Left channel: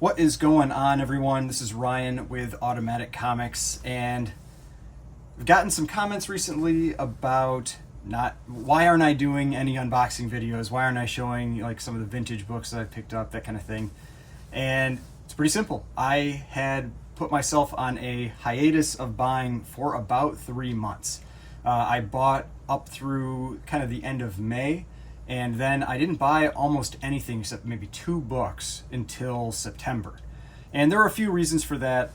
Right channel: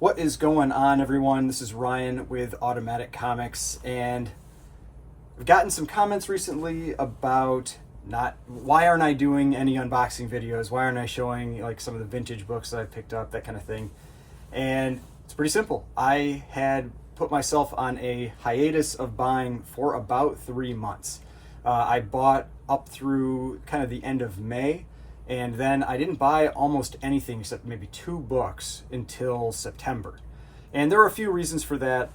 What is going on, everyone? This is Ryan with Automatic Comics, and I've gotten some comments recently about why aren't I doing any unboxing videos? Why aren't I showing like some of the vintage books that I've picked up, that kind of thing? And it's pretty simple. I had put myself on a hiatus of buying for about 3 months. I bought up through kind of the end of May, and then I didn't buy almost anything except maybe 2 books until September. And there were a few reasons for that.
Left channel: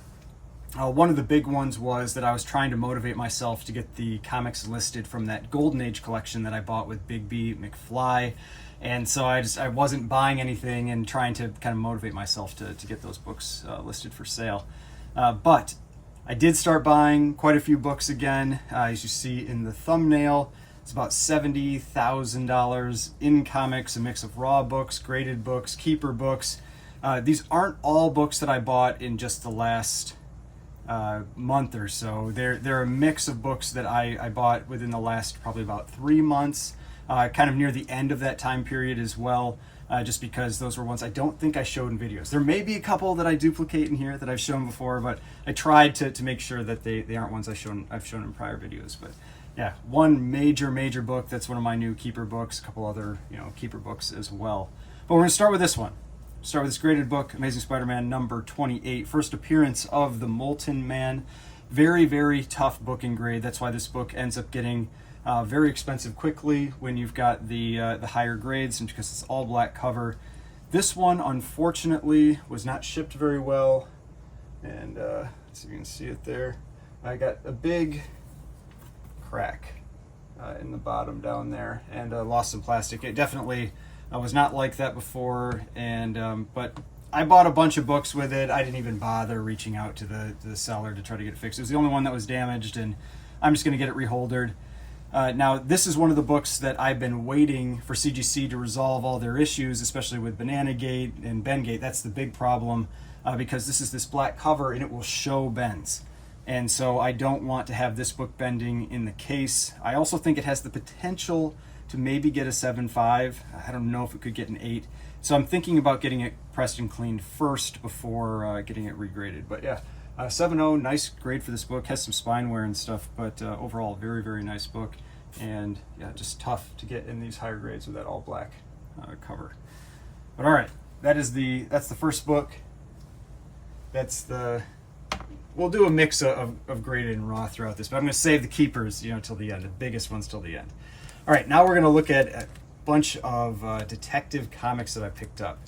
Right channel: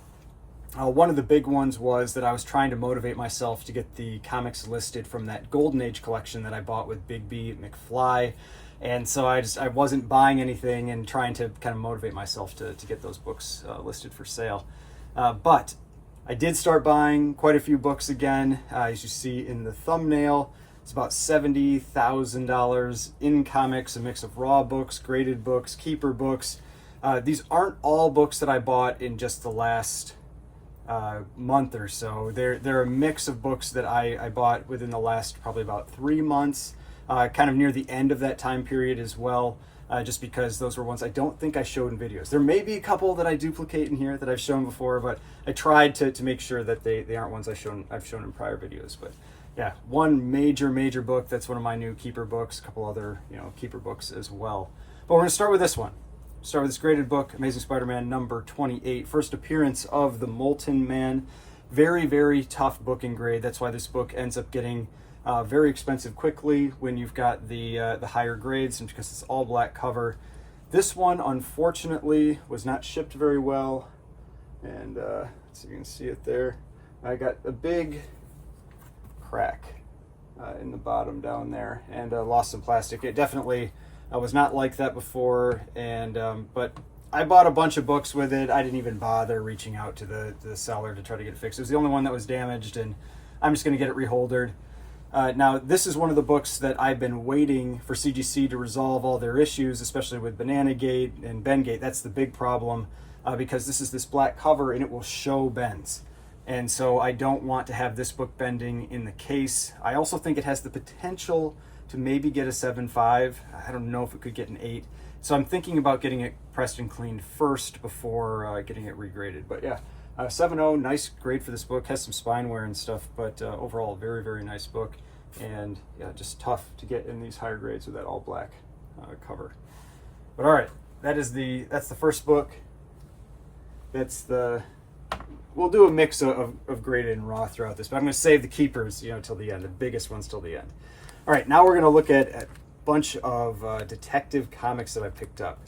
One of the big ones was that I was trying to motivate myself to get the comics listed from that Golden Age collection that I bought with Bigby McFly. And so I wasn't buying anything and trying to kind of motivate myself to get those books listed for sale. But I did start buying quite a few books again. As you see in the thumbnail, it's about $70,000 in comics, a mix of raw books, graded books, keeper books. These aren't all books that I bought in just the last month or so. They're a mix of books that I bought within the last probably about 3 months, kind of near the end of that time period as well, just because those were ones I don't think I showed in videos. There may be a couple that I duplicate in here that I've shown before, but I tried to make sure that they aren't ones I've shown in prior videos. But yeah, one major book that's one of my new keeper books, a couple other keeper books as well. But we're going to start with this one. Start with this graded book, Amazing Spider-Man number 28, first appearance of the Molten Man. Very tough book in grade. That's why this book ends up getting very expensive quickly when you've got the higher grades, and because it's all black cover. This one, unfortunately, was not shipped very well, and let's see if you can see it there. I got a big crack in the bottom down there, and lost some plastic. It definitely was not like that before, and but I bought a bunch of books with it. I didn't even bother reaching out to the seller to try to get it fixed. It was the only one that was damaged, and I'm just going to get it reholdered. Now, this is one of the books that I've been waiting for CGC to resolve all their issues, especially with Banana Gate and Bengate. That's the big problem, because this is this black cover and it will show bends. And so I don't want to have this book bending in the case. I also think it has the potential to maybe get a 7.5. I don't know if it could get an 8. So I'm thinking about getting it pressed and cleaned first before getting it regraded. But yeah, 7.0, nice grade for this book. Has some spine wear and stuff, but overall very nice book. And yeah, just tough to get in these higher grades with that all black cover. But all right, that's the first book. We'll do a mix of graded and raw throughout this, but I'm going to save the keepers, till the end, the biggest ones till the end. All right, now we're going to look at a bunch of detective comics that I picked up.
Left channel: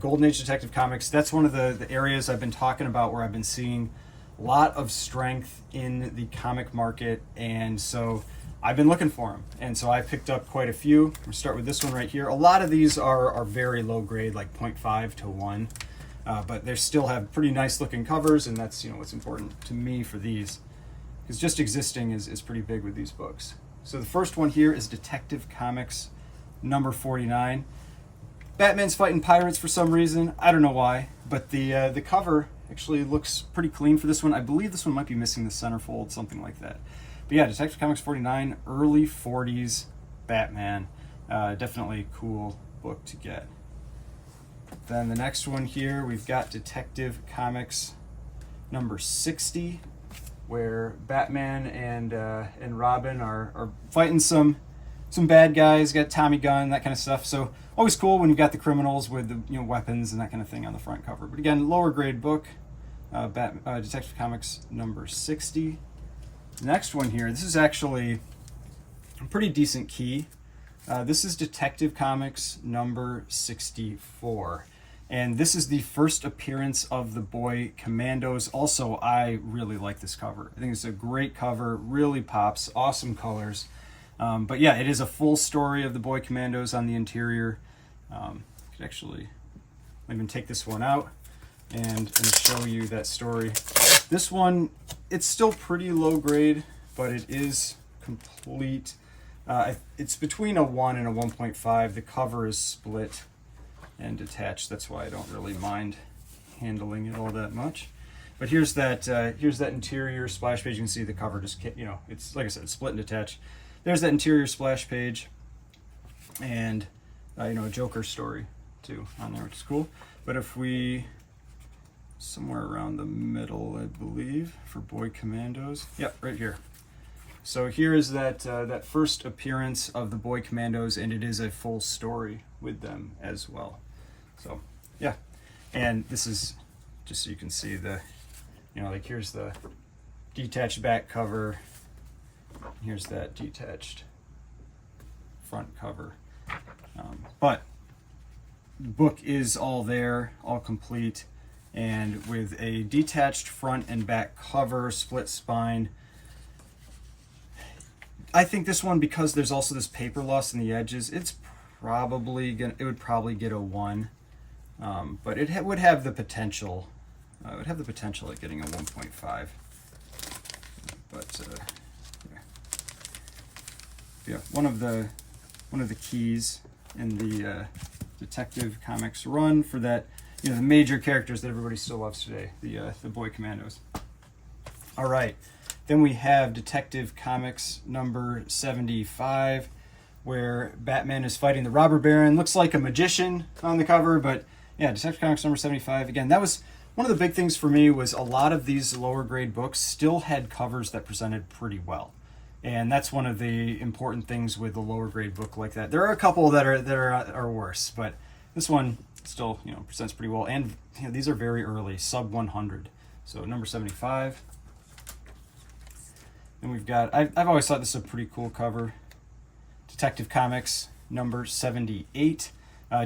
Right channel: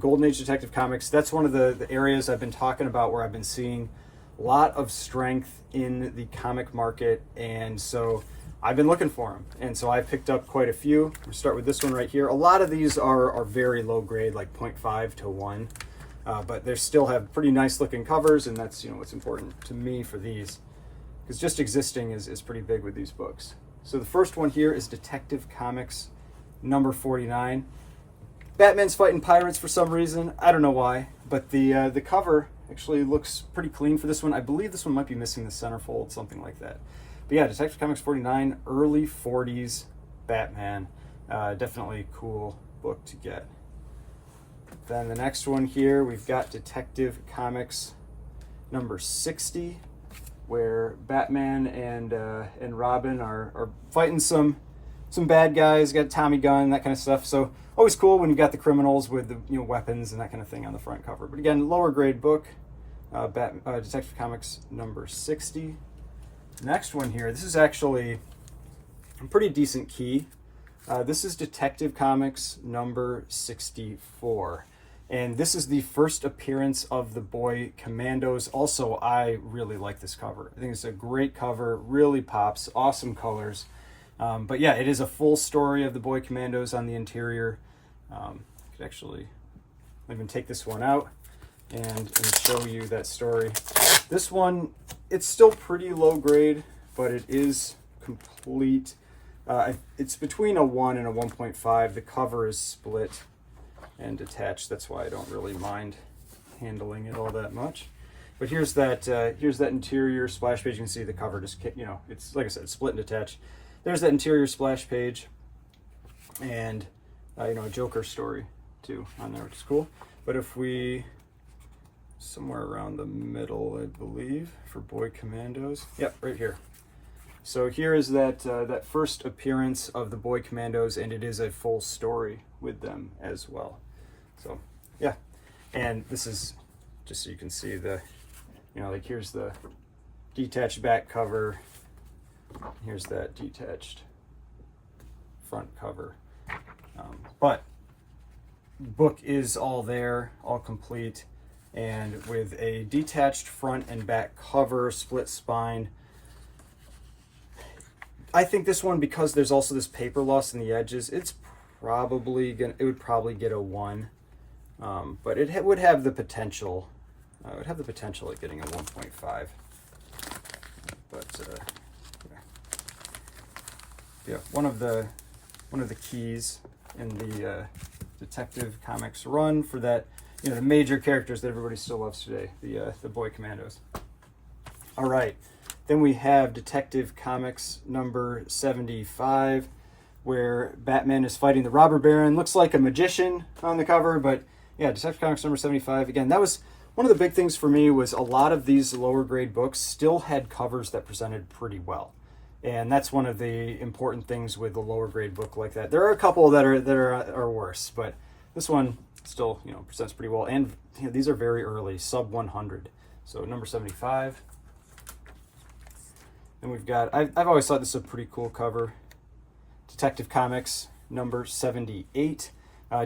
Golden Age Detective Comics, that's one of the areas I've been talking about where I've been seeing a lot of strength in the comic market, and so I've been looking for them. And so I picked up quite a few. I'm going to start with this one right here. A lot of these are very low grade, like 0.5 to 1. But they still have pretty nice looking covers, and that's what's important to me for these, because just existing is pretty big with these books. So the first one here is Detective Comics number 49. Batman's fighting pirates for some reason. I don't know why, but the cover actually looks pretty clean for this one. I believe this one might be missing the centerfold, something like that. But yeah, Detective Comics 49, early 40s Batman. Definitely cool book to get. Then the next one here, we've got Detective Comics number 60, where Batman and Robin are fighting some bad guys, got Tommy gun, that kind of stuff. So always cool when you've got the criminals with the weapons and that kind of thing on the front cover. But again, lower grade book, Detective Comics number 60. Next one here, this is actually a pretty decent key. This is Detective Comics number 64. And this is the first appearance of the Boy Commandos. Also, I really like this cover. I think it's a great cover, really pops, awesome colors. But yeah, it is a full story of the Boy Commandos on the interior. I could actually even take this one out and show you that story. This one, it's still pretty low grade, but it is complete. It's between a 1 and a 1.5. The cover is split and detached. That's why I don't really mind handling it all that much. But here's that interior splash page. You can see the cover just, it's like I said, it's split and detached. There's that interior splash page, and a Joker story too on there, which is cool. But if we somewhere around the middle, I believe, for Boy Commandos. Yep, right here. So here is that that first appearance of the Boy Commandos, and it is a full story with them as well. So yeah, and this is just so you can see the, you know, like here's the detached back cover, here's that detached front cover. But book is all there, all complete, and with a detached front and back cover, split spine. I think this one, because there's also this paper loss in the edges, it's probably gonna, it would probably get a 1, but it would have the potential. It would have the potential at getting a 1.5. But yeah, one of the keys in the Detective Comics run for that, you know, the major characters that everybody still loves today, the Boy Commandos. All right, then we have Detective Comics number 75, where Batman is fighting the robber baron. Looks like a magician on the cover, but yeah, Detective Comics number 75. Again, that was one of the big things for me, was a lot of these lower grade books still had covers that presented pretty well. And that's one of the important things with the lower grade book like that. There are a couple that are worse, but this one still, you know, presents pretty well. And you know, these are very early, sub 100. So number 75. Then we've got, I've always thought this is a pretty cool cover. Detective Comics number 78.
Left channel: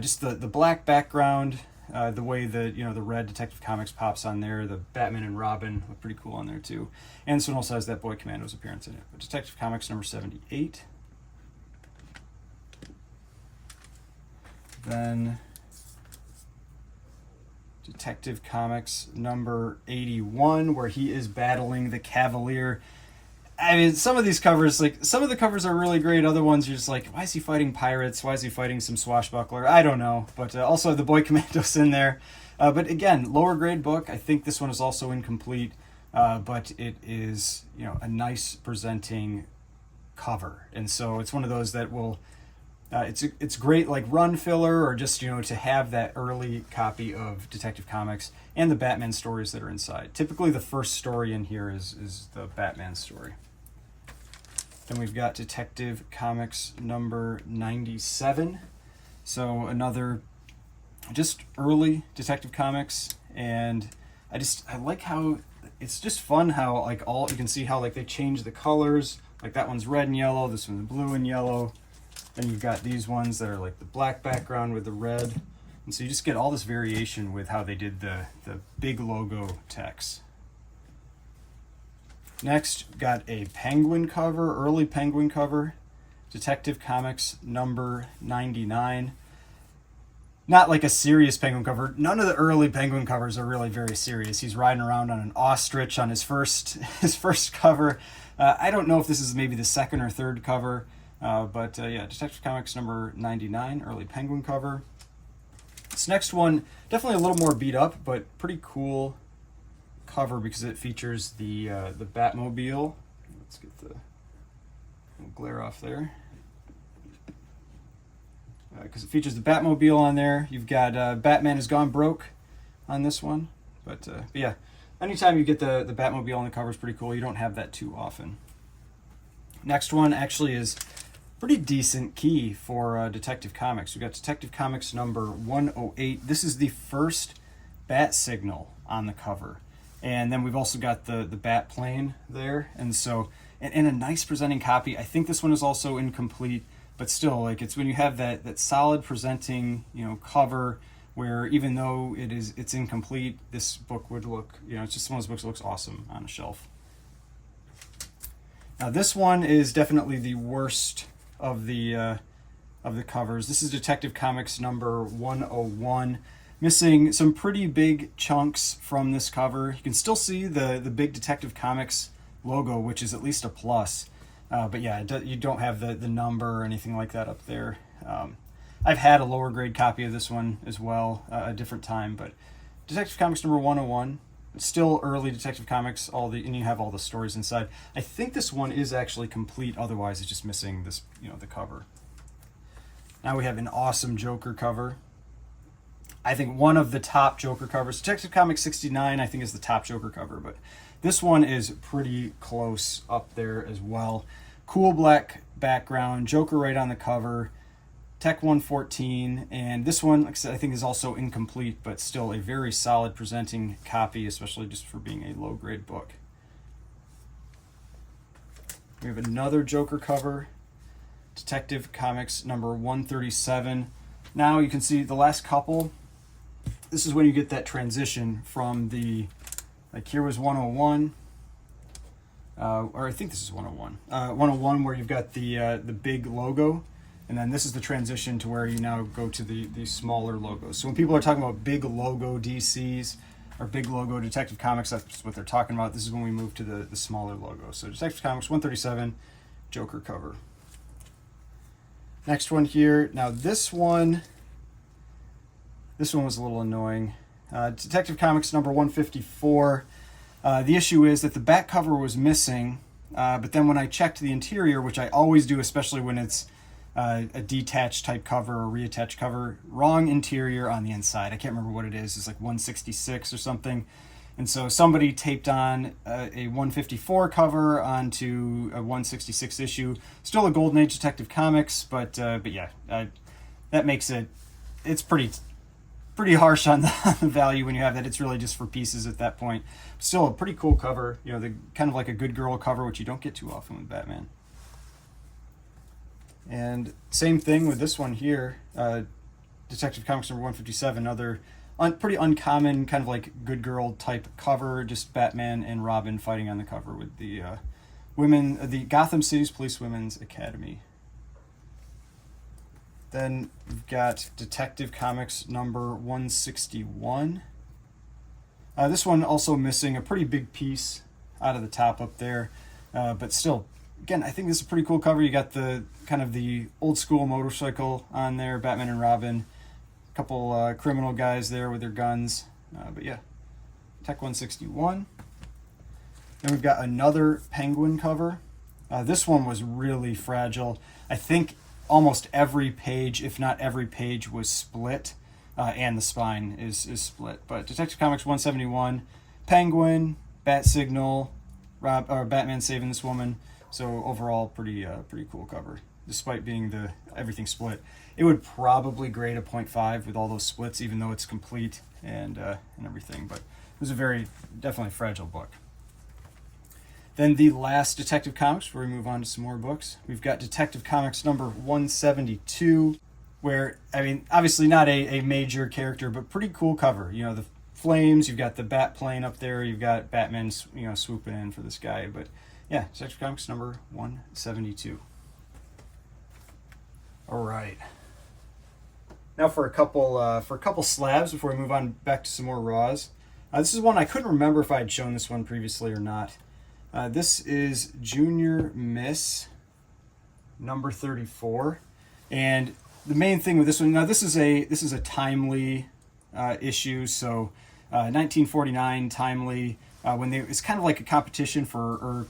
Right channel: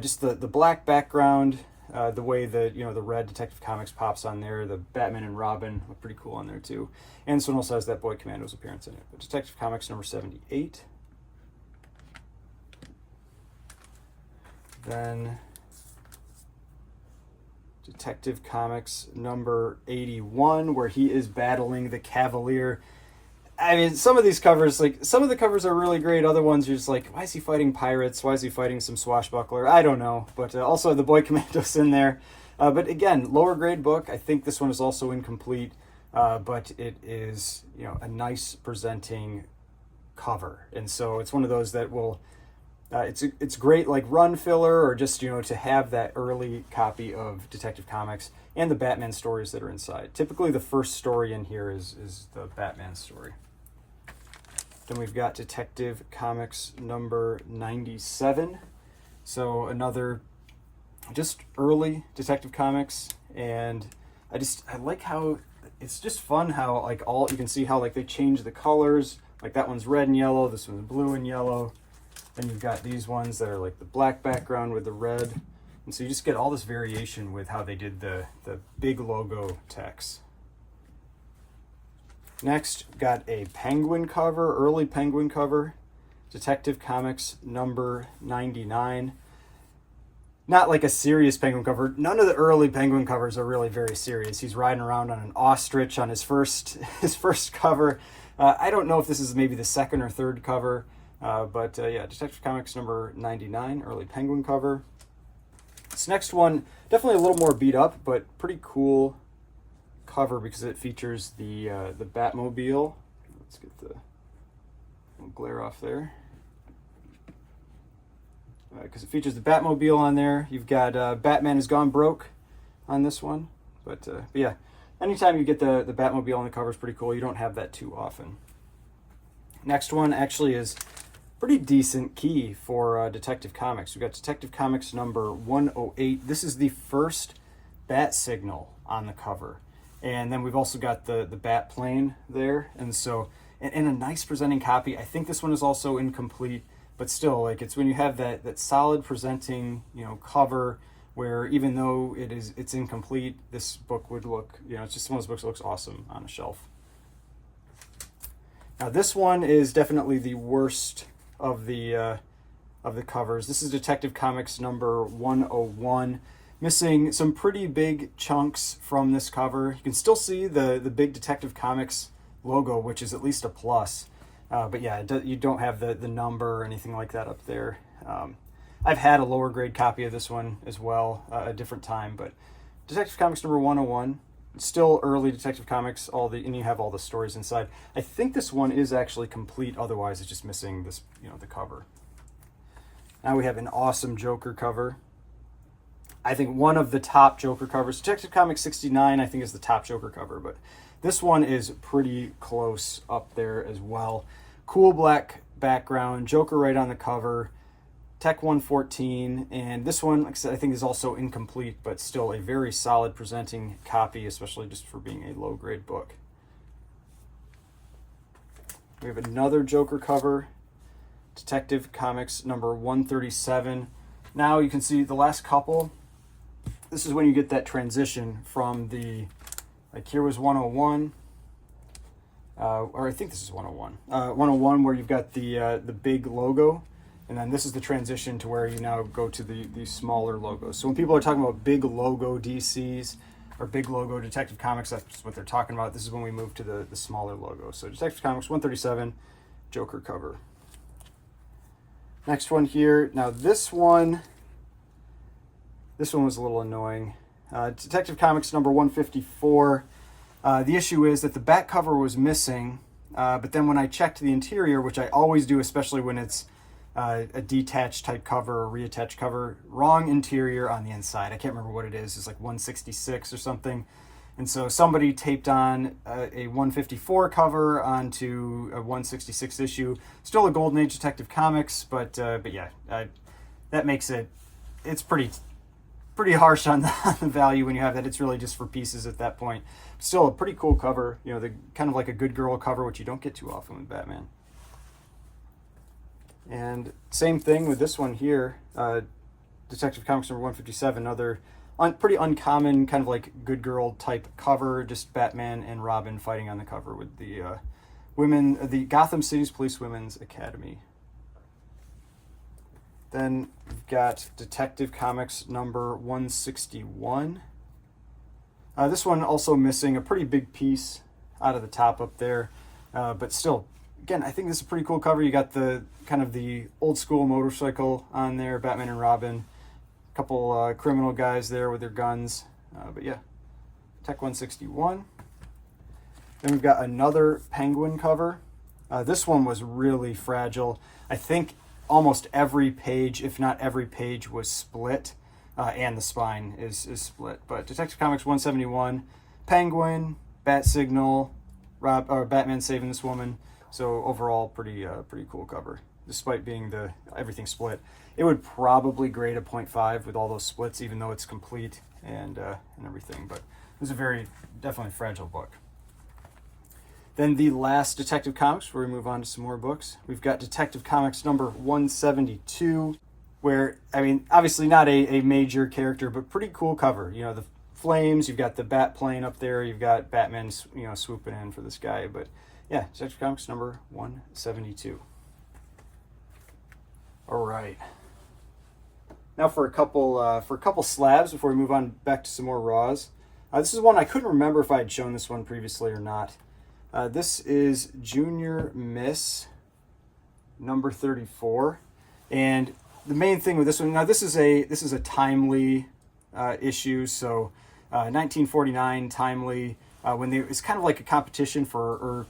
Just the black background, the way the, you know, the red Detective Comics pops on there, the Batman and Robin look pretty cool on there too. And this one also has that Boy Commandos appearance in it. But Detective Comics number 78. Then Detective Comics number 81, where he is battling the Cavalier. I mean, some of these covers, like, some of the covers are really great. Other ones, you're just like, why is he fighting pirates? Why is he fighting some swashbuckler? I don't know. But also the Boy Commandos in there. But again, lower grade book. I think this one is also incomplete. But it is, you know, a nice presenting cover. And so it's one of those that will, it's great, like run filler, or just, you know, to have that early copy of Detective Comics and the Batman stories that are inside. Typically the first story in here is the Batman story. Then we've got Detective Comics number 97. So another just early Detective Comics, and I like how it's just fun how, like, all you can see how, like, they change the colors. Like that one's red and yellow, this one's blue and yellow. Then you've got these ones that are like the black background with the red. And so you just get all this variation with how they did the big logo text. Next, got a penguin cover, early penguin cover, Detective Comics number 99. Not like a serious penguin cover. None of the early penguin covers are really very serious. He's riding around on an ostrich on his first cover. I don't know if this is maybe the second or third cover, but yeah, Detective Comics number 99, early penguin cover. This next one, definitely a little more beat up, but pretty cool cover because it features the Batmobile. Let's get the glare off there. Because it features the Batmobile on there. You've got Batman Has Gone Broke on this one. But yeah, anytime you get the Batmobile on the cover is pretty cool. You don't have that too often. Next one actually is pretty decent key for Detective Comics. We've got Detective Comics number 108. This is the first bat signal on the cover. And then we've also got the bat plane there. And so, and a nice presenting copy. I think this one is also incomplete, but still, like, it's when you have that solid presenting, you know, cover, where even though it's incomplete, this book would look, you know, it's just one of those books that looks awesome on a shelf. Now this one is definitely the worst of the covers. This is Detective Comics number 101. Missing some pretty big chunks from this cover. You can still see the big Detective Comics logo, which is at least a plus. But yeah, you don't have the number or anything like that up there. I've had a lower grade copy of this one as well, a different time, but Detective Comics number 101, still early Detective Comics, and you have all the stories inside. I think this one is actually complete, otherwise it's just missing this, you know, the cover. Now we have an awesome Joker cover. I think one of the top Joker covers. Detective Comics 69, I think, is the top Joker cover, but this one is pretty close up there as well. Cool black background, Joker right on the cover, Tech 114, and this one, like I said, I think is also incomplete, but still a very solid presenting copy, especially just for being a low-grade book. We have another Joker cover, Detective Comics number 137. Now you can see the last couple. This is when you get that transition from the, like here was 101, or I think this is 101. 101 where you've got the big logo, and then this is the transition to where you now go to the smaller logos. So when people are talking about big logo DCs or big logo Detective Comics, that's what they're talking about. This is when we move to the smaller logo. So Detective Comics 137, Joker cover. Next one here. Now this one was a little annoying. Detective Comics number 154. The issue is that the back cover was missing, but then when I checked the interior, which I always do, especially when it's a detached type cover or reattached cover, wrong interior on the inside. I can't remember what it is. It's like 166 or something. And so somebody taped on a 154 cover onto a 166 issue. Still a Golden Age Detective Comics, but yeah, that makes it's pretty harsh on the value when you have that. It's really just for pieces at that point. Still a pretty cool cover, you know, the kind of like a good girl cover, which you don't get too often with Batman. And same thing with this one here, Detective Comics number 157, another pretty uncommon kind of like good girl type cover, just Batman and Robin fighting on the cover with the the Gotham City's Police Women's Academy. Then we've got Detective Comics number 161. This one also missing a pretty big piece out of the top up there, but still, again, I think this is a pretty cool cover. You got the kind of the old school motorcycle on there, Batman and Robin, a couple criminal guys there with their guns, but yeah, Tech 161. Then we've got another Penguin cover. This one was really fragile. I think almost every page, if not every page, was split, and the spine is split. But Detective Comics 171, Penguin, Bat Signal, Batman saving this woman. So overall, pretty cool cover, despite being everything split. It would probably grade a 0.5 with all those splits, even though it's complete and everything. But it was a definitely fragile book. Then the last Detective Comics, before we move on to some more books, we've got Detective Comics number 172, where, I mean, obviously not a major character, but pretty cool cover. You know, the flames, you've got the bat plane up there, you've got Batman, you know, swooping in for this guy. But yeah, Detective Comics number 172. All right. Now for a couple slabs before we move on back to some more raws. This is one I couldn't remember if I had shown this one previously or not. This is Junior Miss number 34, and the main thing with this one, now this is a timely issue, so 1949 timely, when it's kind of like a competition for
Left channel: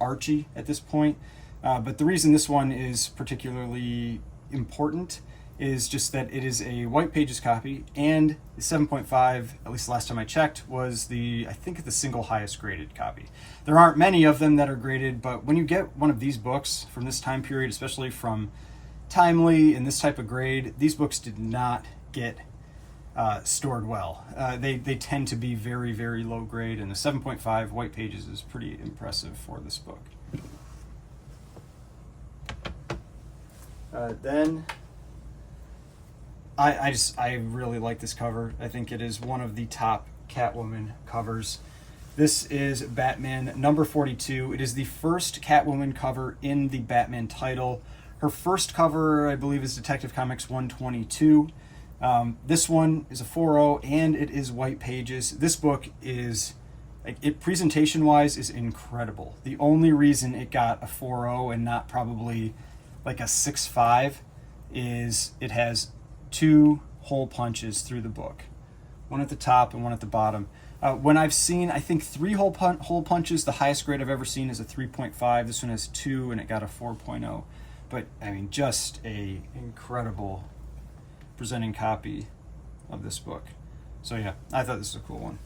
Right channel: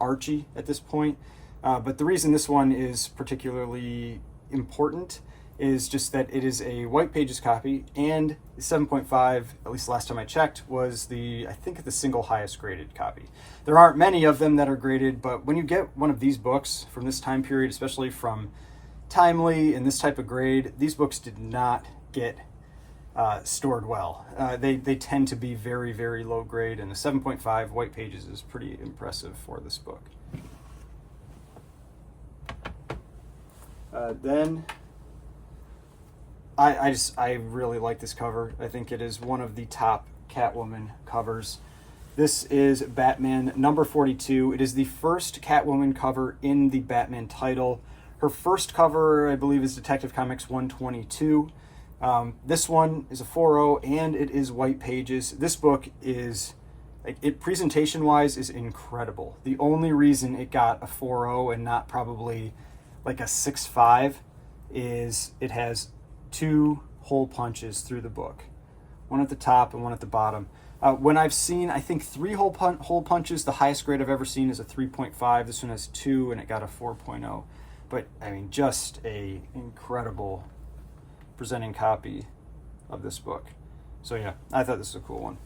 Archie at this point, but the reason this one is particularly important is just that it is a white pages copy, and 7.5, at least last time I checked, was I think the single highest graded copy. There aren't many of them that are graded, but when you get one of these books from this time period, especially from timely and this type of grade, these books did not get stored well. They tend to be very, very low grade, and the 7.5 white pages is pretty impressive for this book. Then I really like this cover. I think it is one of the top Catwoman covers. This is Batman number 42. It is the first Catwoman cover in the Batman title. Her first cover, I believe, is Detective Comics 122. This one is a 4.0, and it is white pages. This book is, presentation-wise, is incredible. The only reason it got a 4.0 and not probably like a 6.5 is it has 2 hole punches through the book, one at the top and one at the bottom. When I've seen, I think 3 hole punches, the highest grade I've ever seen is a 3.5. This one has 2, and it got a 4.0. But I mean, just a incredible presenting copy of this book. So yeah, I thought this was a cool one.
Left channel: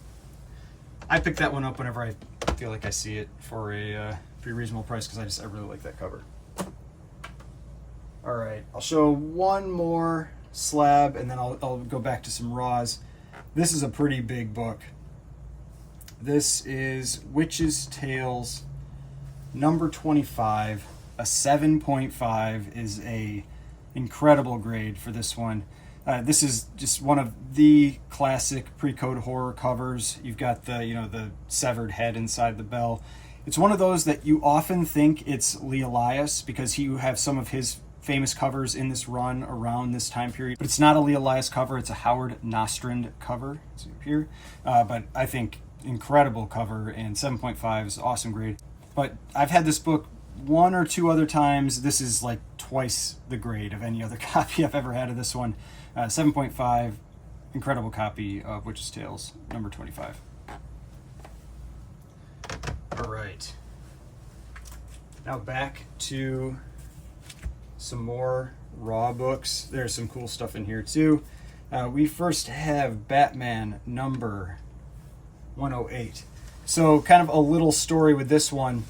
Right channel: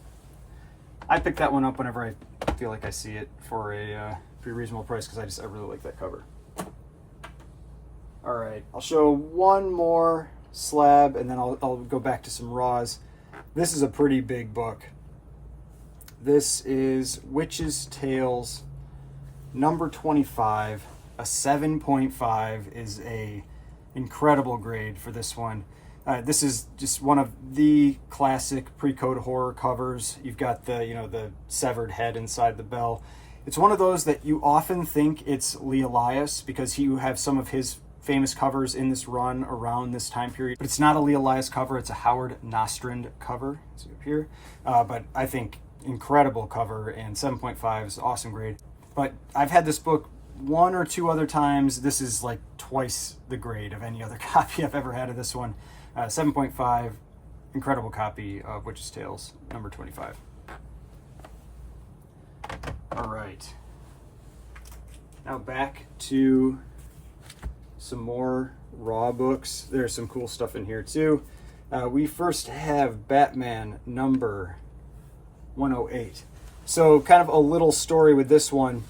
I pick that one up whenever I feel like I see it for a pretty reasonable price, because I really like that cover. All right, I'll show one more slab and then I'll go back to some raws. This is a pretty big book. This is Witch's Tales number 25. A 7.5 is a incredible grade for this one. This is just one of the classic pre-code horror covers. You've got the, the severed head inside the bell. It's one of those that you often think it's Lee Elias, because you have some of his famous covers in this run around this time period. But it's not a Lee Elias cover, it's a Howard Nostrand cover. See up here. But I think incredible cover, and 7.5 is awesome grade. But I've had this book one or two other times. This is like twice the grade of any other copy I've ever had of this one. 7.5, incredible copy of Witch's Tales number 25. All right, now back to some more raw books. There's some cool stuff in here too. We first have Batman number 108. So kind of a little story with this one.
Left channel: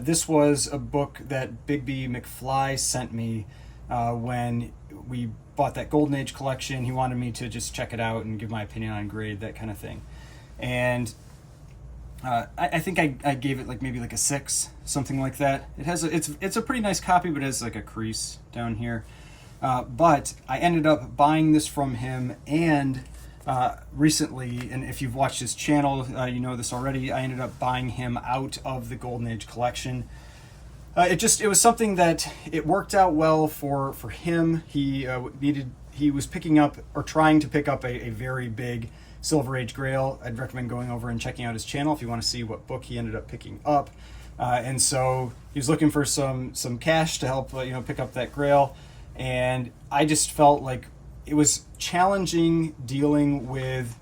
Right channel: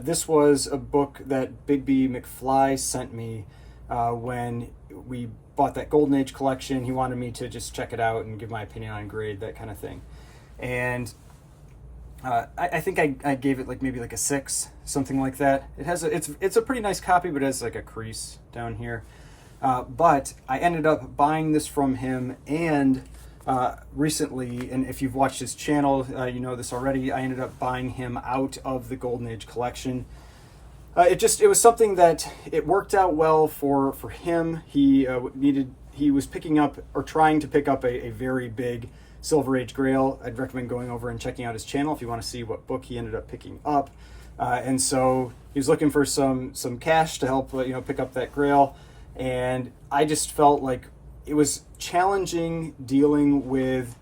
This was a book that Bigby McFly sent me when we bought that Golden Age collection. He wanted me to just check it out and give my opinion on grade, that kind of thing. And I think I gave it maybe a 6, something like that. It has it's a pretty nice copy, but it has like a crease down here. But I ended up buying this from him, and recently, and if you've watched his channel, you know this already, I ended up buying him out of the Golden Age collection. It was something that it worked out well for him. He was picking up, or trying to pick up, a very big Silver Age Grail. I'd recommend going over and checking out his channel if you want to see what book he ended up picking up. And so he was looking for some cash to help pick up that Grail, and I just felt like it was challenging dealing with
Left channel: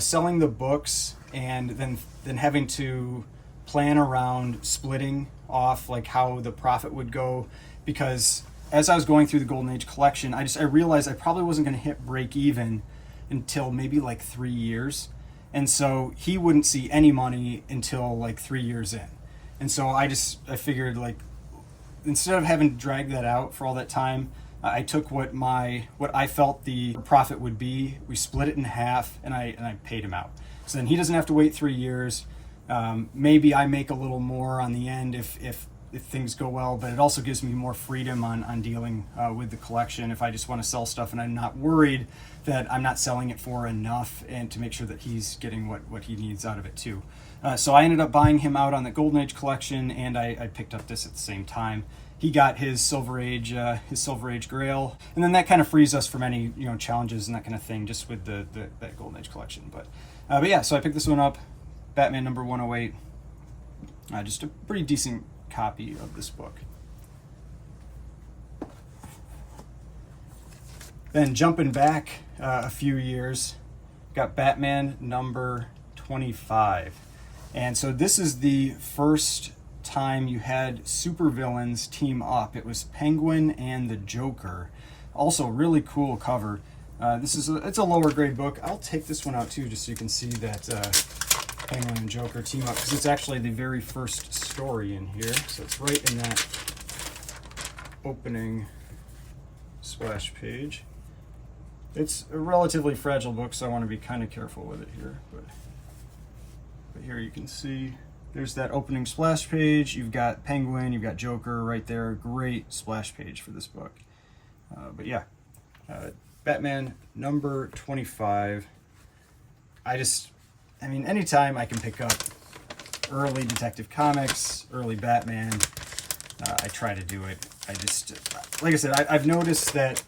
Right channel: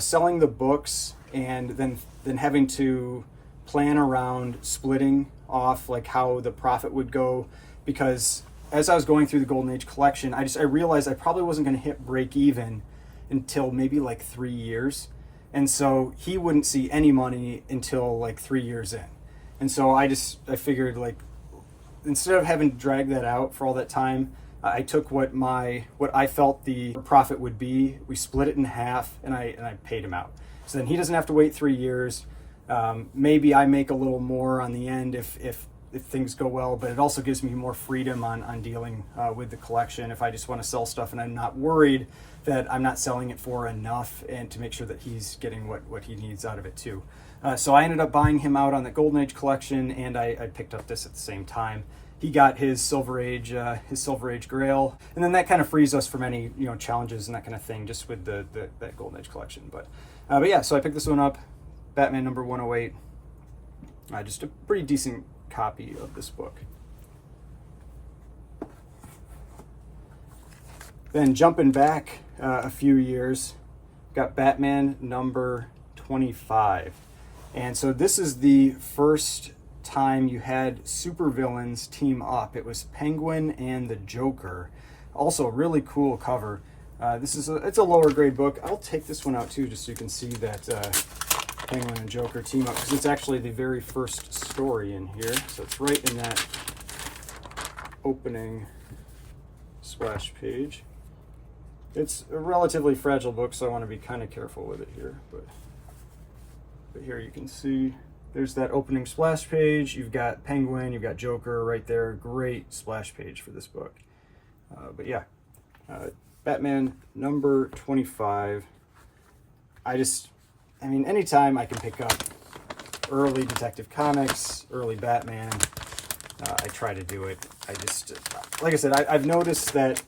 selling the books and then having to plan around splitting off how the profit would go, because as I was going through the Golden Age collection, I realized I probably wasn't going to hit break even until maybe 3 years, and so he wouldn't see any money until 3 years in. And so I figured, instead of having to drag that out for all that time, I took what I felt the profit would be. We split it in half, and I paid him out. So then he doesn't have to wait 3 years. Maybe I make a little more on the end if things go well, but it also gives me more freedom on dealing with the collection if I just want to sell stuff and I'm not worried that I'm not selling it for enough, and to make sure that he's getting what he needs out of it too. So I ended up buying him out on the Golden Age collection, and I picked up this at the same time. He got his Silver Age Grail, and then that kind of frees us from any challenges and that kind of thing, just with that Golden Age collection. But yeah, so I picked this one up, Batman number 108. Just a pretty decent copy of this book. Then jumping back a few years, got Batman number 25, and so this is the first time you had supervillains team up. It was Penguin and the Joker. Also, really cool cover. It's a lower grade book. I'll take this one out too, just so you can see that Penguin and Joker team up, because it's actually the very first story in here. So it's right in that opening splash page. It's a relatively fragile book, so I want to be kind of careful with it here. But here you can see there's that opening splash page. You've got Penguin, you've got Joker right there. Great splash page for this book. But yeah, Batman number 25. Anytime I can pick up early Detective Comics, early Batman, I try to do it. Like I said, I've noticed that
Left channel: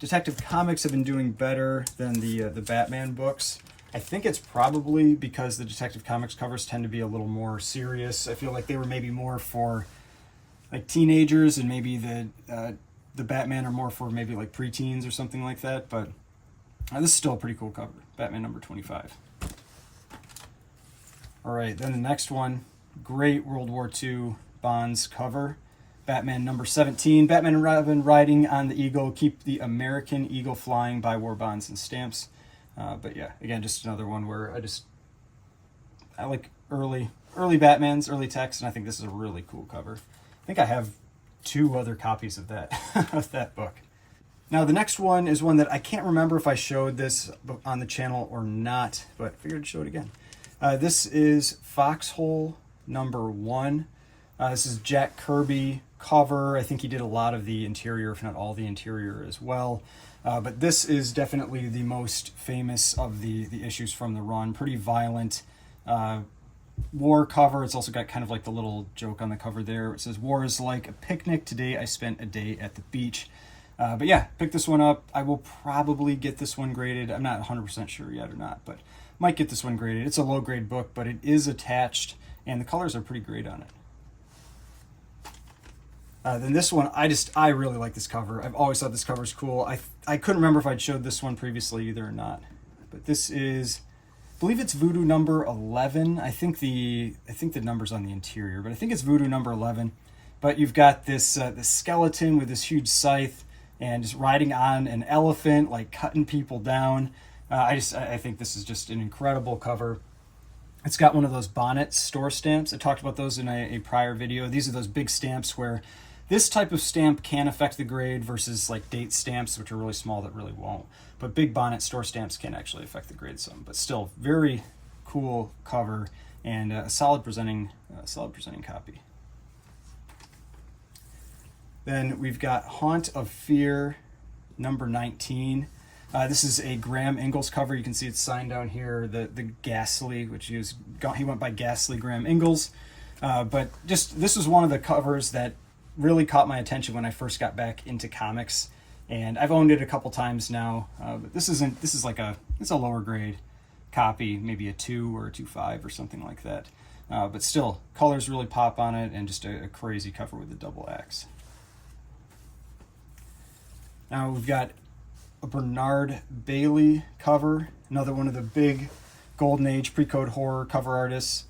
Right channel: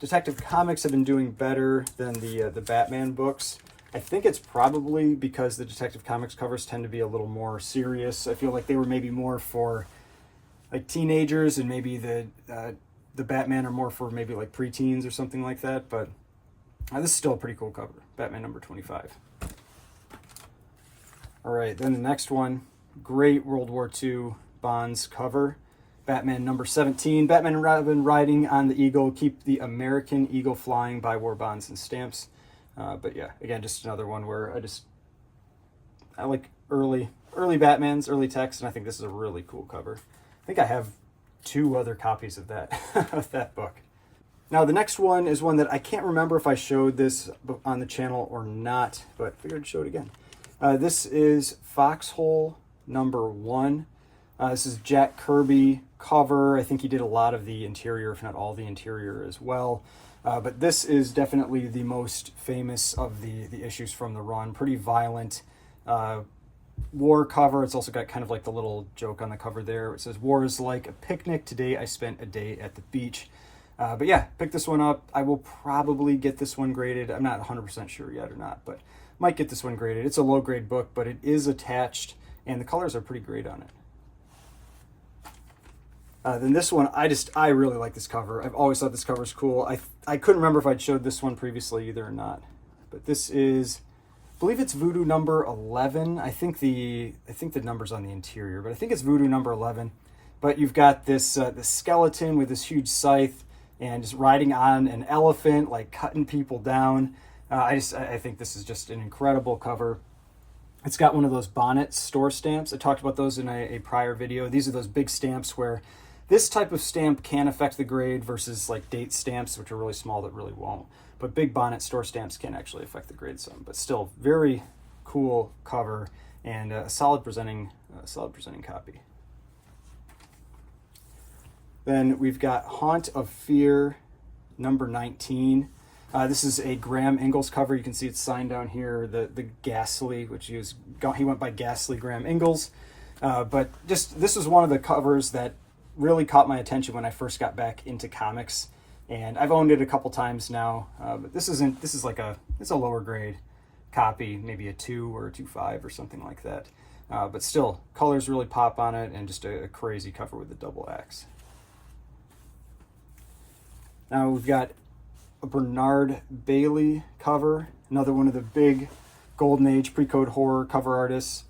Detective Comics have been doing better than the Batman books. I think it's probably because the Detective Comics covers tend to be a little more serious. I feel like they were maybe more for teenagers, and maybe the Batman are more for maybe preteens or something like that. But this is still a pretty cool cover, Batman number 25. All right, then the next one, great World War II Bonds cover. Batman number 17, Batman and Robin riding on the Eagle, keep the American Eagle flying, buy war bonds and stamps. But yeah, again, just another one where I like early Batmans, early text, and I think this is a really cool cover. I think I have 2 other copies of that of that book. Now the next one is one that I can't remember if I showed this on the channel or not, but I figured I'd show it again. This is Foxhole number 1. This is Jack Kirby cover. I think he did a lot of the interior, if not all the interior as well. But this is definitely the most famous of the issues from the run. Pretty violent war cover. It's also got kind of like the little joke on the cover there. It says, "War is like a picnic. Today I spent a day at the beach." But yeah, pick this one up. I will probably get this one graded. I'm not 100% sure yet or not, but might get this one graded. It's a low grade book, but it is attached, and the colors are pretty great on it. Then this one, I really like this cover. I've always thought this cover is cool. I couldn't remember if I'd showed this one previously either or not. But this is, I believe it's Voodoo number 11. I think the number's on the interior, but I think it's Voodoo number 11. But you've got this skeleton with this huge scythe and just riding on an elephant, like cutting people down. I think this is just an incredible cover. It's got one of those bonnet store stamps. I talked about those in a prior video. These are those big stamps where this type of stamp can affect the grade versus like date stamps, which are really small that really won't. But big bonnet store stamps can actually affect the grade some. But still, very cool cover and a solid presenting copy. Then we've got Haunt of Fear number 19. This is a Graham Ingalls cover. You can see it's signed down here, the Ghastly, which he went by Ghastly Graham Ingalls. But just this was one of the covers that really caught my attention when I first got back into comics, and I've owned it a couple times now. But it's a lower grade copy, maybe a 2 or a 2.5 or something like that. But still, colors really pop on it, and just a crazy cover with the double axe. Now we've got a Bernard Bailey cover, another one of the big Golden Age pre-code horror cover artists.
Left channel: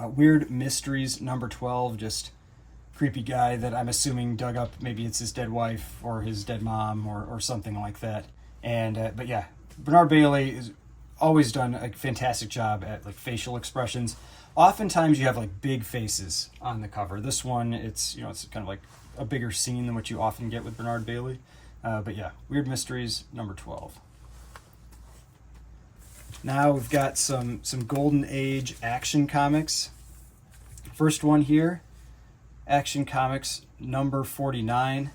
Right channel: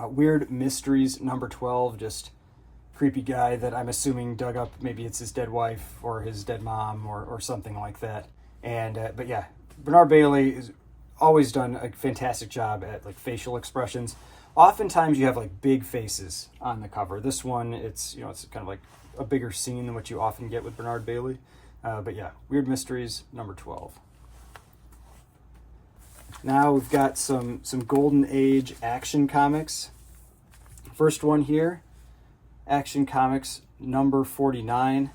Weird Mysteries number 12, just creepy guy that I'm assuming dug up, maybe it's his dead wife or his dead mom or something like that. And but yeah, Bernard Bailey has always done a fantastic job at like facial expressions. Oftentimes you have like big faces on the cover. This one, it's kind of like a bigger scene than what you often get with Bernard Bailey. But yeah, Weird Mysteries number 12. Now we've got some Golden Age Action Comics. First one here, Action Comics number 49.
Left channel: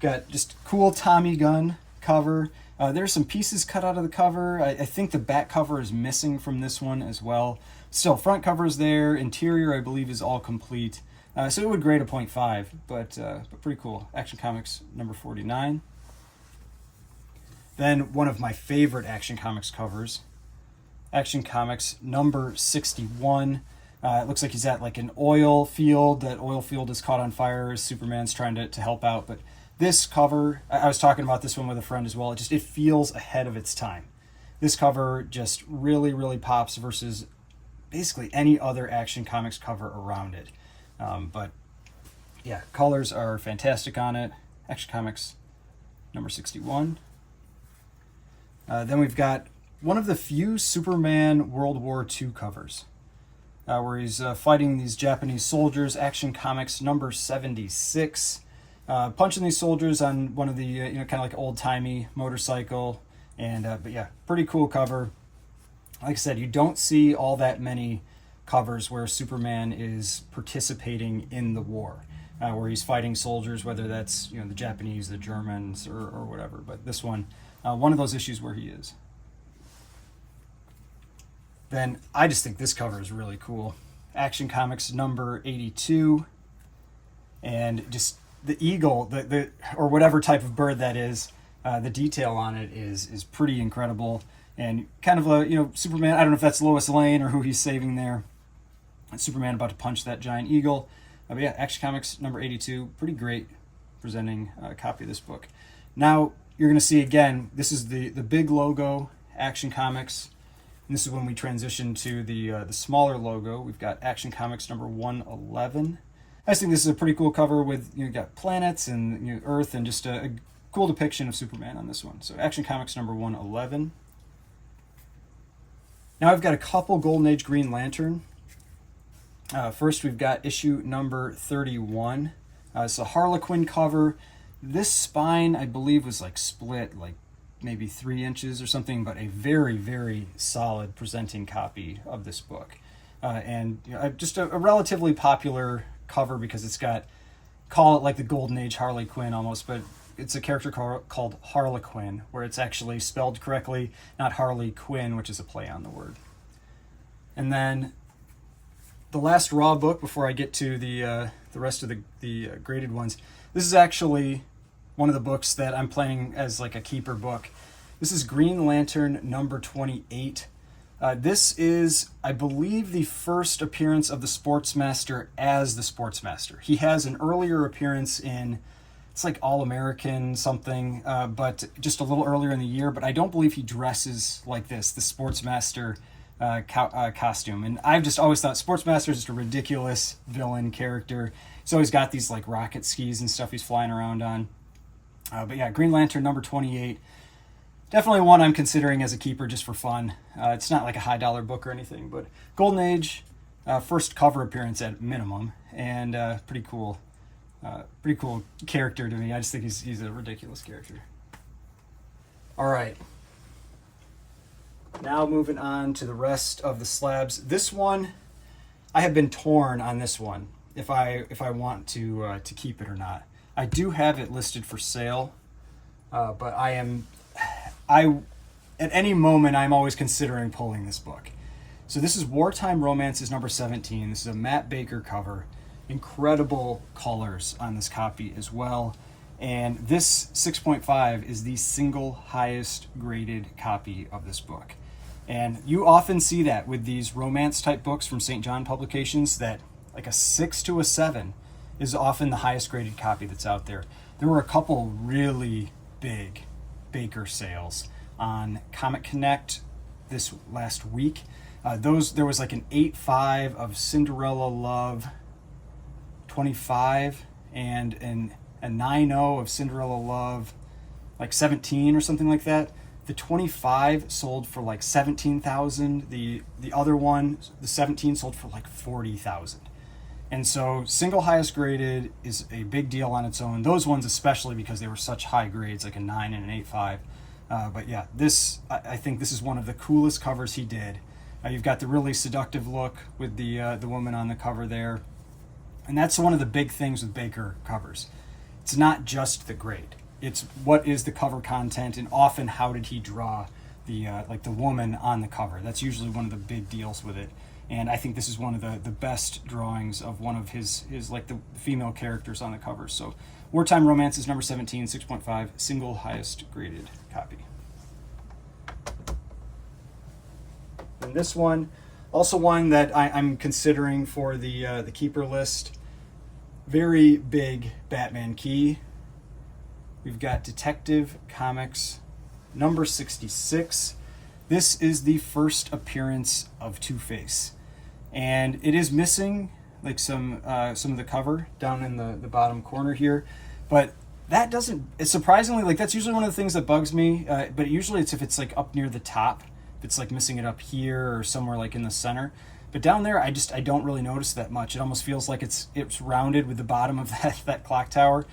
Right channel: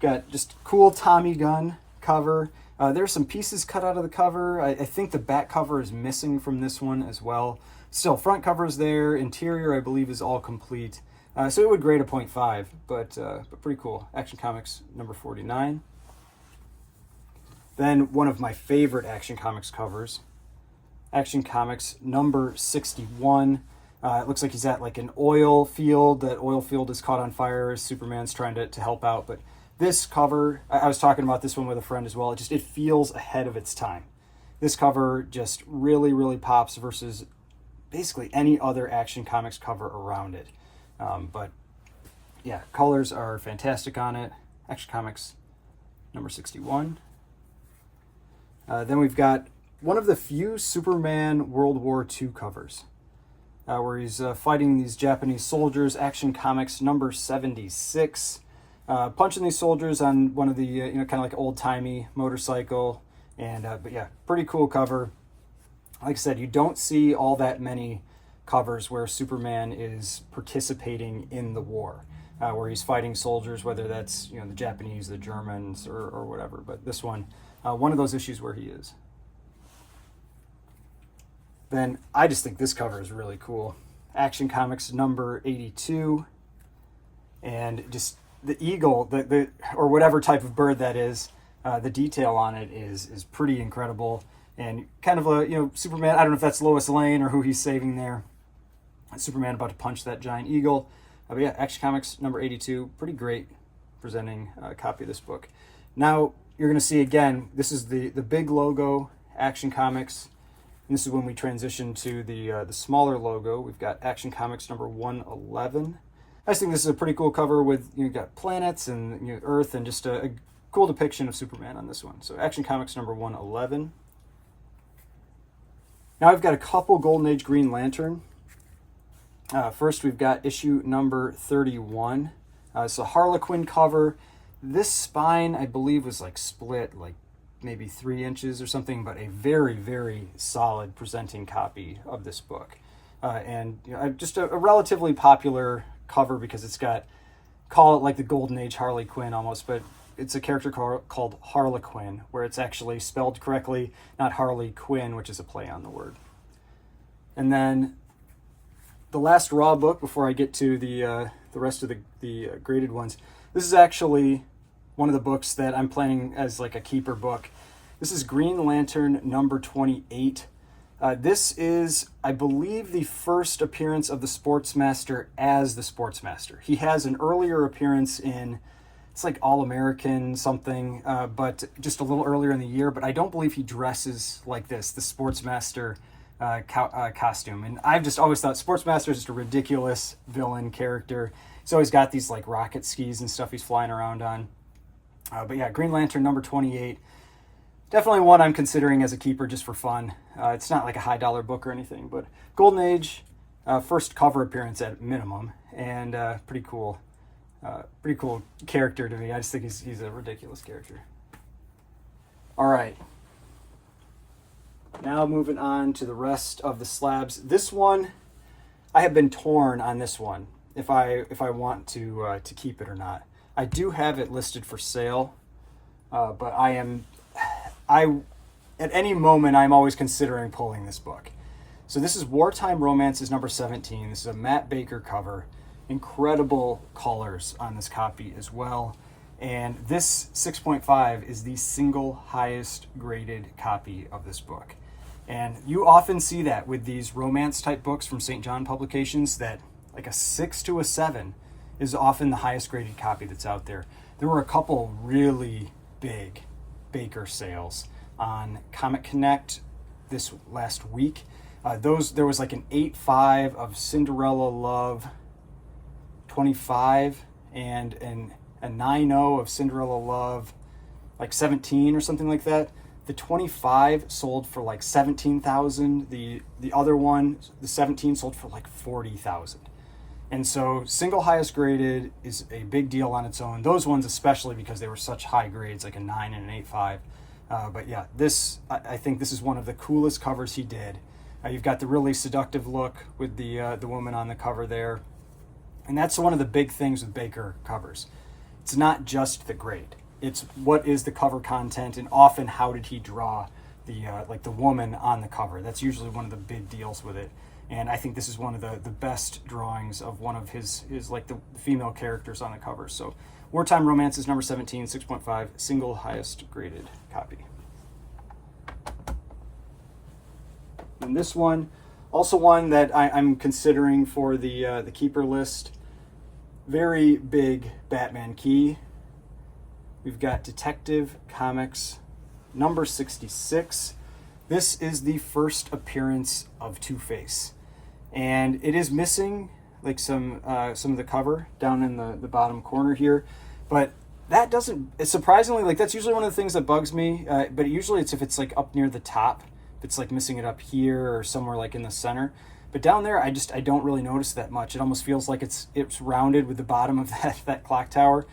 Got just cool Tommy gun cover. There's some pieces cut out of the cover. I think the back cover is missing from this one as well. Still, front cover is there. Interior, I believe, is all complete. So it would grade a 0.5, but pretty cool. Action Comics number 49. Then one of my favorite Action Comics covers, Action Comics number 61. It looks like he's at like an oil field. That oil field is caught on fire. Superman's trying to help out. But this cover, I was talking about this one with a friend as well. It feels ahead of its time. This cover just really, really pops versus basically any other Action Comics cover around it. But yeah, colors are fantastic on it. Action Comics number 61. Then we've got one of the few Superman World War II covers where he's fighting these Japanese soldiers. Action Comics number 76. Punching these soldiers on one of the, kind of like old-timey motorcycle. And but yeah, pretty cool cover. Like I said, you don't see all that many covers where Superman is participating in the war, where he's fighting soldiers, whether that's the Japanese, the Germans, or whatever. But this one of those issues where he is. Then I just think this cover is really cool. Action Comics number 82, and just the eagle, the or whatever type of bird that is, the detail on it is pretty incredible. And kind of a Superman. I don't know if that's Lois Lane or who he's saving there. Superman about to punch that giant eagle. But yeah, Action Comics number 82, pretty great presenting copy of this book. Now you're going to see again, this is the big logo, Action Comics, and this is when we transition to the smaller logo. We've got Action Comics number 111. I just think this is a pretty cool cover with, you got planets and, Earth, and just a cool depiction of Superman on this one. So Action Comics number 111. Now I've got a couple Golden Age Green Lantern. First, we've got issue number 31. It's a Harlequin cover. This spine, I believe, was like split like maybe 3 inches or something, but a very, very solid presenting copy of this book. And just a relatively popular cover because it's got, call it like the Golden Age Harley Quinn almost, but it's a character called Harlequin, where it's actually spelled correctly, not Harley Quinn, which is a play on the word. And then the last raw book before I get to the rest of the graded ones. This is actually one of the books that I'm planning as like a keeper book. This is Green Lantern number 28. This is, I believe, the first appearance of the Sportsmaster as the Sportsmaster. He has an earlier appearance in, it's like All-American something, but just a little earlier in the year, but I don't believe he dresses like this, the Sportsmaster costume. And I've just always thought Sportsmaster is just a ridiculous villain character. He's always got these like rocket skis and stuff he's flying around on. But yeah, Green Lantern number 28. Definitely one I'm considering as a keeper just for fun. It's not like a high dollar book or anything, but Golden Age, first cover appearance at minimum, and pretty cool character to me. I just think he's a ridiculous character. All right. Now moving on to the rest of the slabs. This one, I have been torn on this one if I want to keep it or not. I do have it listed for sale, but at any moment I'm always considering pulling this book. So this is Wartime Romances number 17. This is a Matt Baker cover. Incredible colors on this copy as well. And this 6.5 is the single highest graded copy of this book. And you often see that with these romance type books from St. John Publications, that like a 6 to a 7 is often the highest graded copy that's out there. There were a couple really big Baker sales on Comic Connect this last week. There was like an 8.5 of Cinderella Love 25 and a 9.0 of Cinderella Love like 17 or something like that. The 25 sold for like 17,000. The other one, the 17, sold for like 40,000. And so single highest graded is a big deal on its own. Those ones especially because they were such high grades, like a 9 and an 8.5. But yeah, I think this is one of the coolest covers he did. You've got the really seductive look with the woman on the cover there. And that's one of the big things with Baker covers. It's not just the grade. It's what is the cover content, and often how did he draw the woman on the cover. That's usually one of the big deals with it. And I think this is one of the best drawings of one of his like the female characters on the cover. So Wartime Romances number 17, 6.5, single highest graded copy. And this one, also one that I'm considering for the keeper list. Very big Batman key. We've got Detective Comics number 66. This is the first appearance of Two-Face. And it is missing like some of the cover down in the bottom corner here. But that doesn't, it's surprisingly, like that's usually one of the things that bugs me. But usually it's if it's like up near the top. If it's like missing it up here or somewhere like in the center. But down there, I don't really notice that much. It almost feels like it's rounded with the bottom of that clock tower.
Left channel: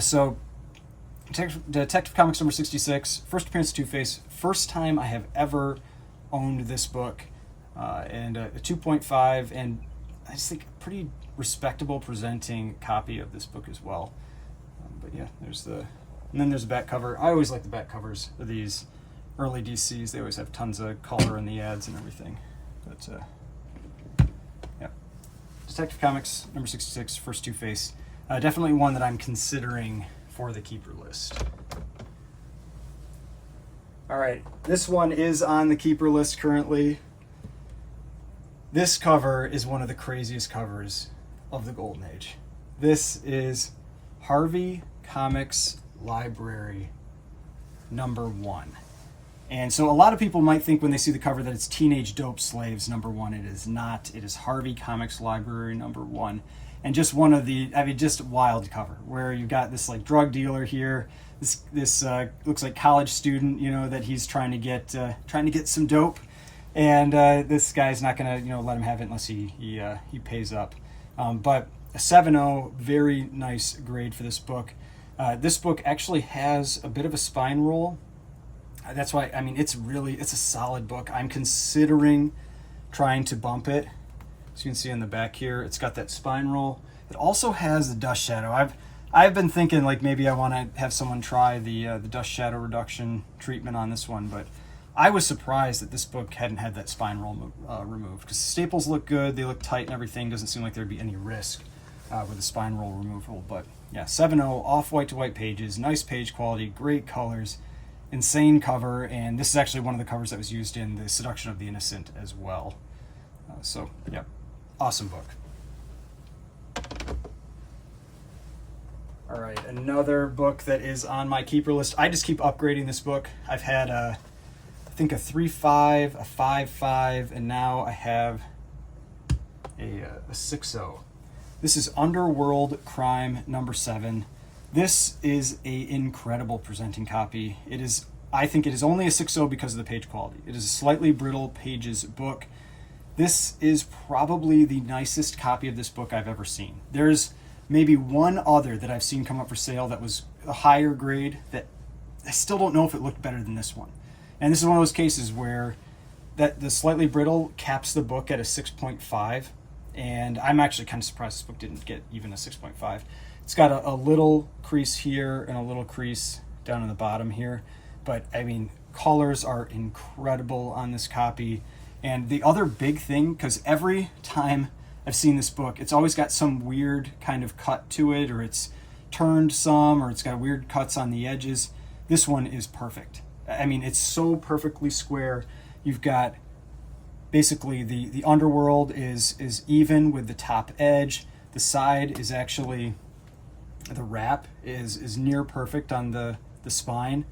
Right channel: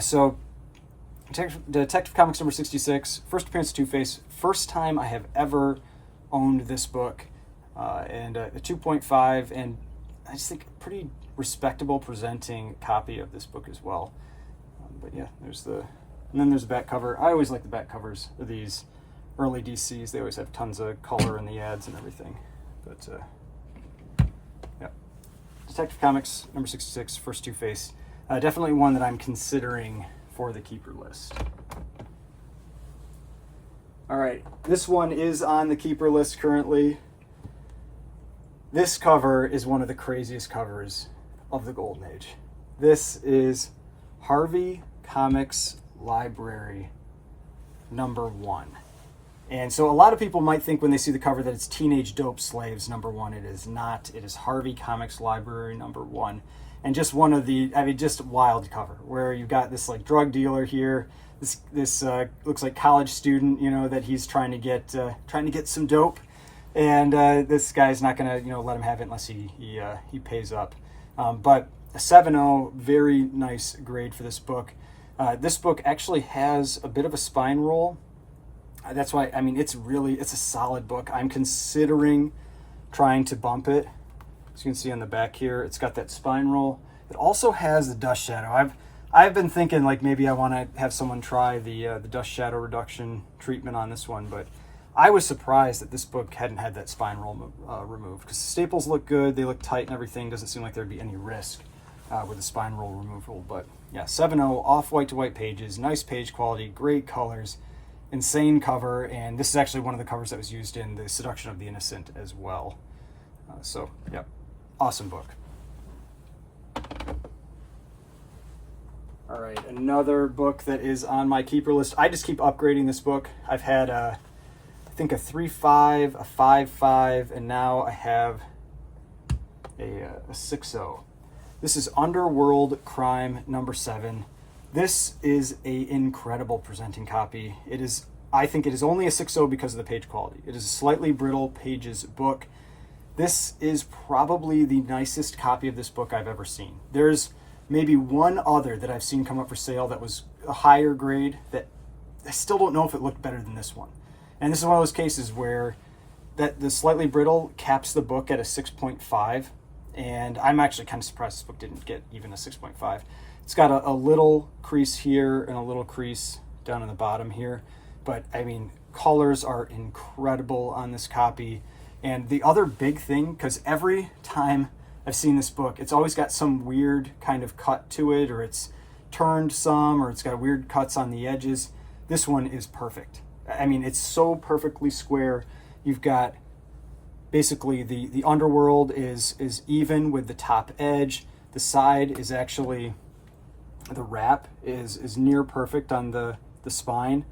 So Detective Comics number 66, first appearance of Two-Face, first time I have ever owned this book, and a 2.5, and I just think a pretty respectable presenting copy of this book as well. But yeah, and then there's the back cover. I always like the back covers of these early DCs. They always have tons of color in the ads and everything. But yeah, Detective Comics number 66, first Two-Face, definitely one that I'm considering for the keeper list. All right, this one is on the keeper list currently. This cover is one of the craziest covers of the Golden Age. This is Harvey Comics Library number 1. And so a lot of people might think when they see the cover that it's Teenage Dope Slaves number 1. It is not. It is Harvey Comics Library number 1. And just one of the, I mean, just wild cover where you've got this like drug dealer here. This looks like college student, you know, that he's trying to get some dope, and this guy's not gonna, you know, let him have it unless he pays up. But a 7.0, very nice grade for this book. This book actually has a bit of a spine roll. That's why, I mean, it's a solid book. I'm considering trying to bump it. As you can see on the back here, it's got that spine roll. It also has the dust shadow. I've been thinking like maybe I want to have someone try the dust shadow reduction treatment on this one, but I was surprised that this book hadn't had that spine roll removed, because the staples look good, they look tight and everything. Doesn't seem like there'd be any risk with the spine roll removal. But yeah, 7.0, off white to white pages, nice page quality, great colors, insane cover, and this is actually one of the covers that was used in The Seduction of the Innocent as well. So yeah, awesome book. All right, another book that is on my keeper list. I just keep upgrading this book. I've had I think a 3.5, a 5.5, and now I have a 6.0. This is Underworld Crime #7. This is an incredible presenting copy. It is, I think it is only a 6.0 because of the page quality. It is a slightly brittle pages book. This is probably the nicest copy of this book I've ever seen. There's maybe one other that I've seen come up for sale that was a higher grade that I still don't know if it looked better than this one. And this is one of those cases where that the slightly brittle caps the book at a 6.5. And I'm actually kind of surprised this book didn't get even a 6.5. It's got a little crease here and a little crease down in the bottom here. But I mean, colors are incredible on this copy. And the other big thing, because every time I've seen this book, it's always got some weird kind of cut to it, or it's turned some, or it's got weird cuts on the edges. This one is perfect. I mean, it's so perfectly square. You've got basically the underworld is even with the top edge. The side is actually, the wrap is near perfect on the spine.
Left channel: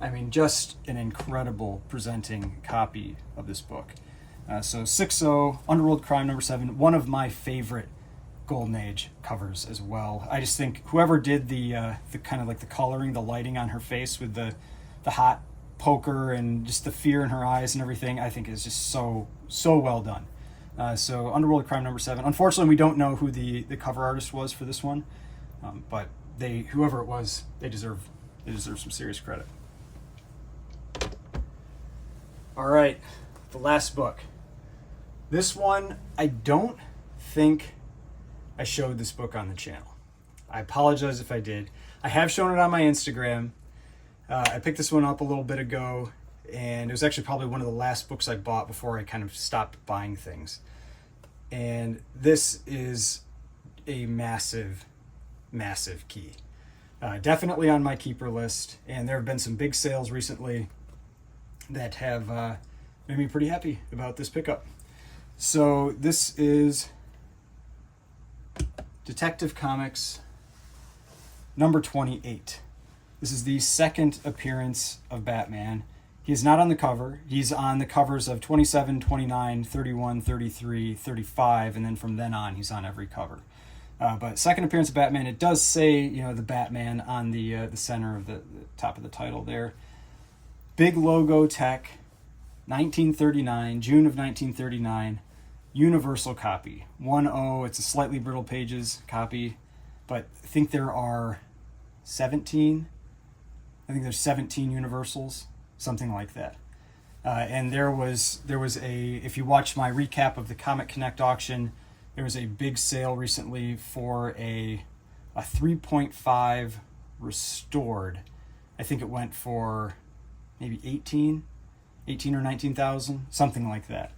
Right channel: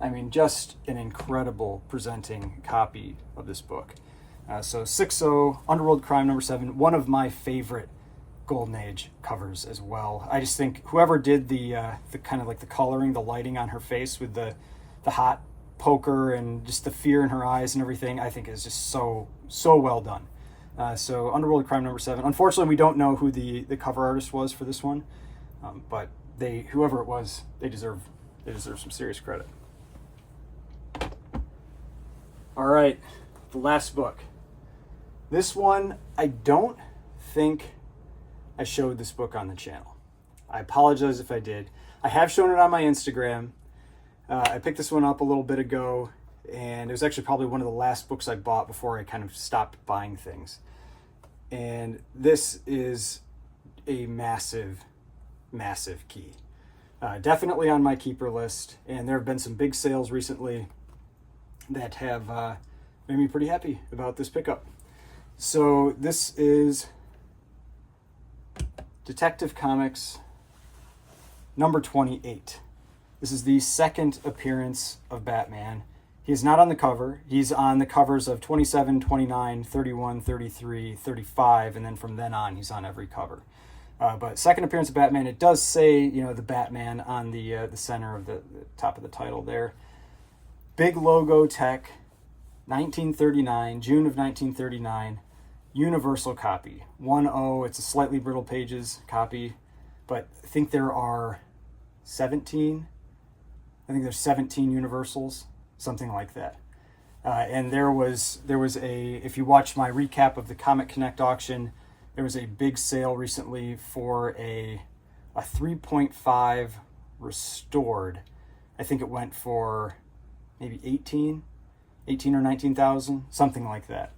I mean, just an incredible presenting copy of this book. So 6.0, Underworld Crime #7, one of my favorite Golden Age covers as well. I just think whoever did the kind of like the coloring, the lighting on her face with the hot poker and just the fear in her eyes and everything, I think is just so well done. So Underworld Crime #7. Unfortunately, we don't know who the cover artist was for this one, but whoever it was, they deserve some serious credit. All right, the last book. This one, I don't think I showed this book on the channel. I apologize if I did. I have shown it on my Instagram. I picked this one up a little bit ago, and it was actually probably one of the last books I bought before I kind of stopped buying things. And this is a massive, massive key. Definitely on my keeper list, and there have been some big sales recently that have made me pretty happy about this pickup. So this is Detective Comics #28. This is the second appearance of Batman. He is not on the cover. He's on the covers of 27, 29, 31, 33, 35, and then from then on, he's on every cover. But second appearance of Batman, it does say, you know, the Batman on the center of the top of the title there. Big logo tech, 1939, June of 1939, universal copy, 1.0. It's a slightly brittle pages copy, but I think there are 17. I think there's 17 universals, something like that. And there was a, if you watch my recap of the Comic Connect auction, there was a big sale recently for a 3.5 restored. I think it went for maybe 18 or 19,000, something like that.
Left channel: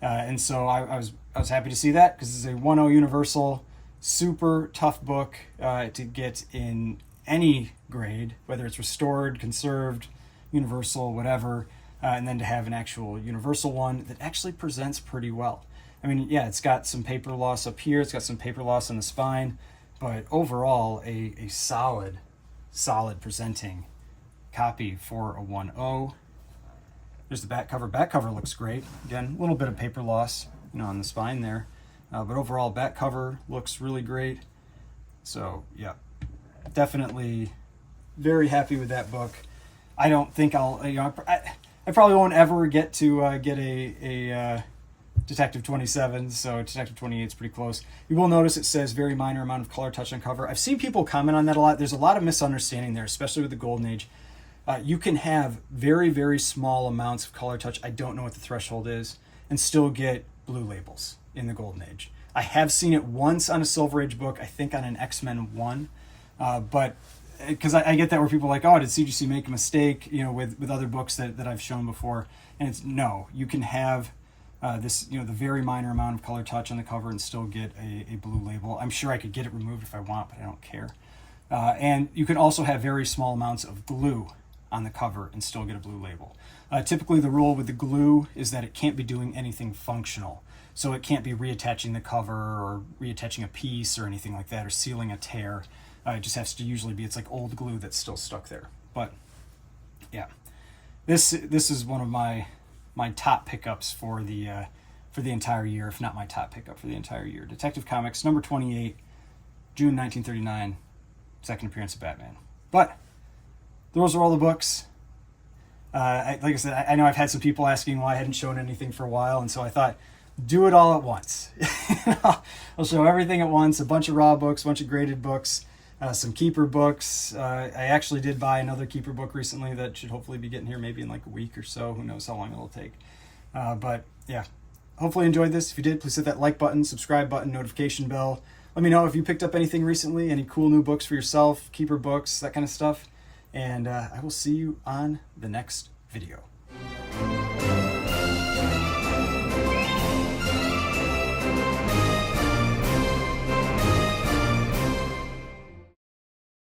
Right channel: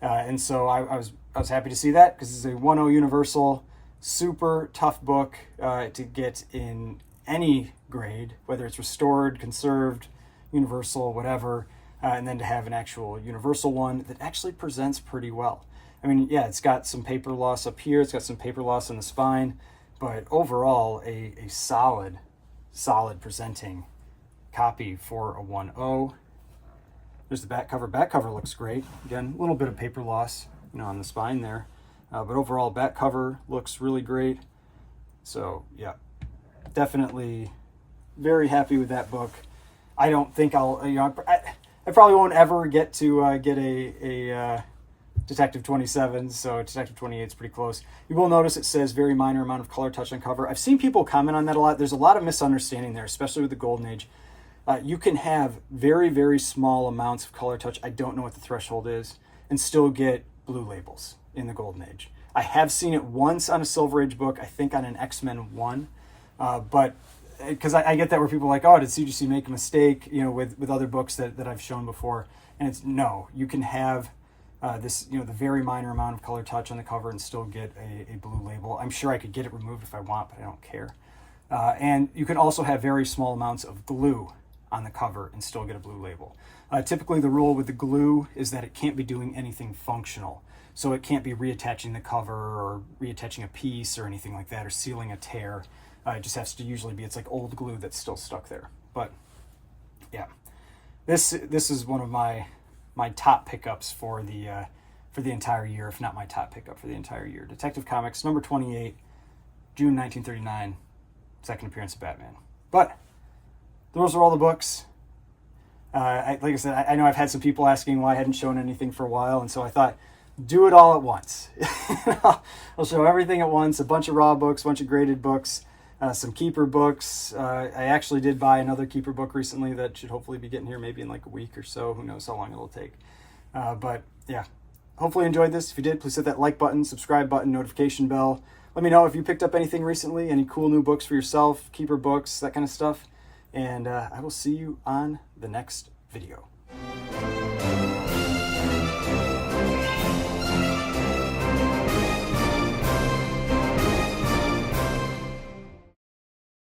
And so I was happy to see that, because it's a 1.0 universal, super tough book to get in any grade, whether it's restored, conserved, universal, whatever, and then to have an actual universal one that actually presents pretty well. I mean, yeah, it's got some paper loss up here, it's got some paper loss in the spine, but overall a solid presenting copy for a 1.0. There's the back cover. Back cover looks great. Again, a little bit of paper loss, you know, on the spine there. But overall, back cover looks really great. So yeah, definitely very happy with that book. I don't think I'll, I probably won't ever get to get a Detective 27, so Detective 28 is pretty close. You will notice it says very minor amount of color touch on cover. I've seen people comment on that a lot. There's a lot of misunderstanding there, especially with the Golden Age. You can have very, very small amounts of color touch, I don't know what the threshold is, and still get blue labels in the Golden Age. I have seen it once on a Silver Age book, I think on an X-Men 1, but because I get that where people are like, oh, did CGC make a mistake, with other books that I've shown before? And it's no, you can have this, the very minor amount of color touch on the cover and still get a blue label. I'm sure I could get it removed if I want, but I don't care. And you can also have very small amounts of glue on the cover and still get a blue label. Typically the rule with the glue is that it can't be doing anything functional. So it can't be reattaching the cover or reattaching a piece or anything like that, or sealing a tear. It just has to usually be, it's like old glue that's still stuck there. But yeah, this is one of my top pickups for the entire year, if not my top pickup for the entire year. Detective Comics, number 28, June 1939, second appearance of Batman. But those are all the books. Like I said, I know I've had some people asking why I hadn't shown anything for a while, and so I thought, do it all at once. I'll show everything at once, a bunch of raw books, a bunch of graded books, some keeper books. I actually did buy another keeper book recently that should hopefully be getting here maybe in like a week or so. Who knows how long it'll take. But yeah, hopefully you enjoyed this. If you did, please hit that like button, subscribe button, notification bell. Let me know if you picked up anything recently, any cool new books for yourself, keeper books, that kind of stuff. And I will see you on the next video.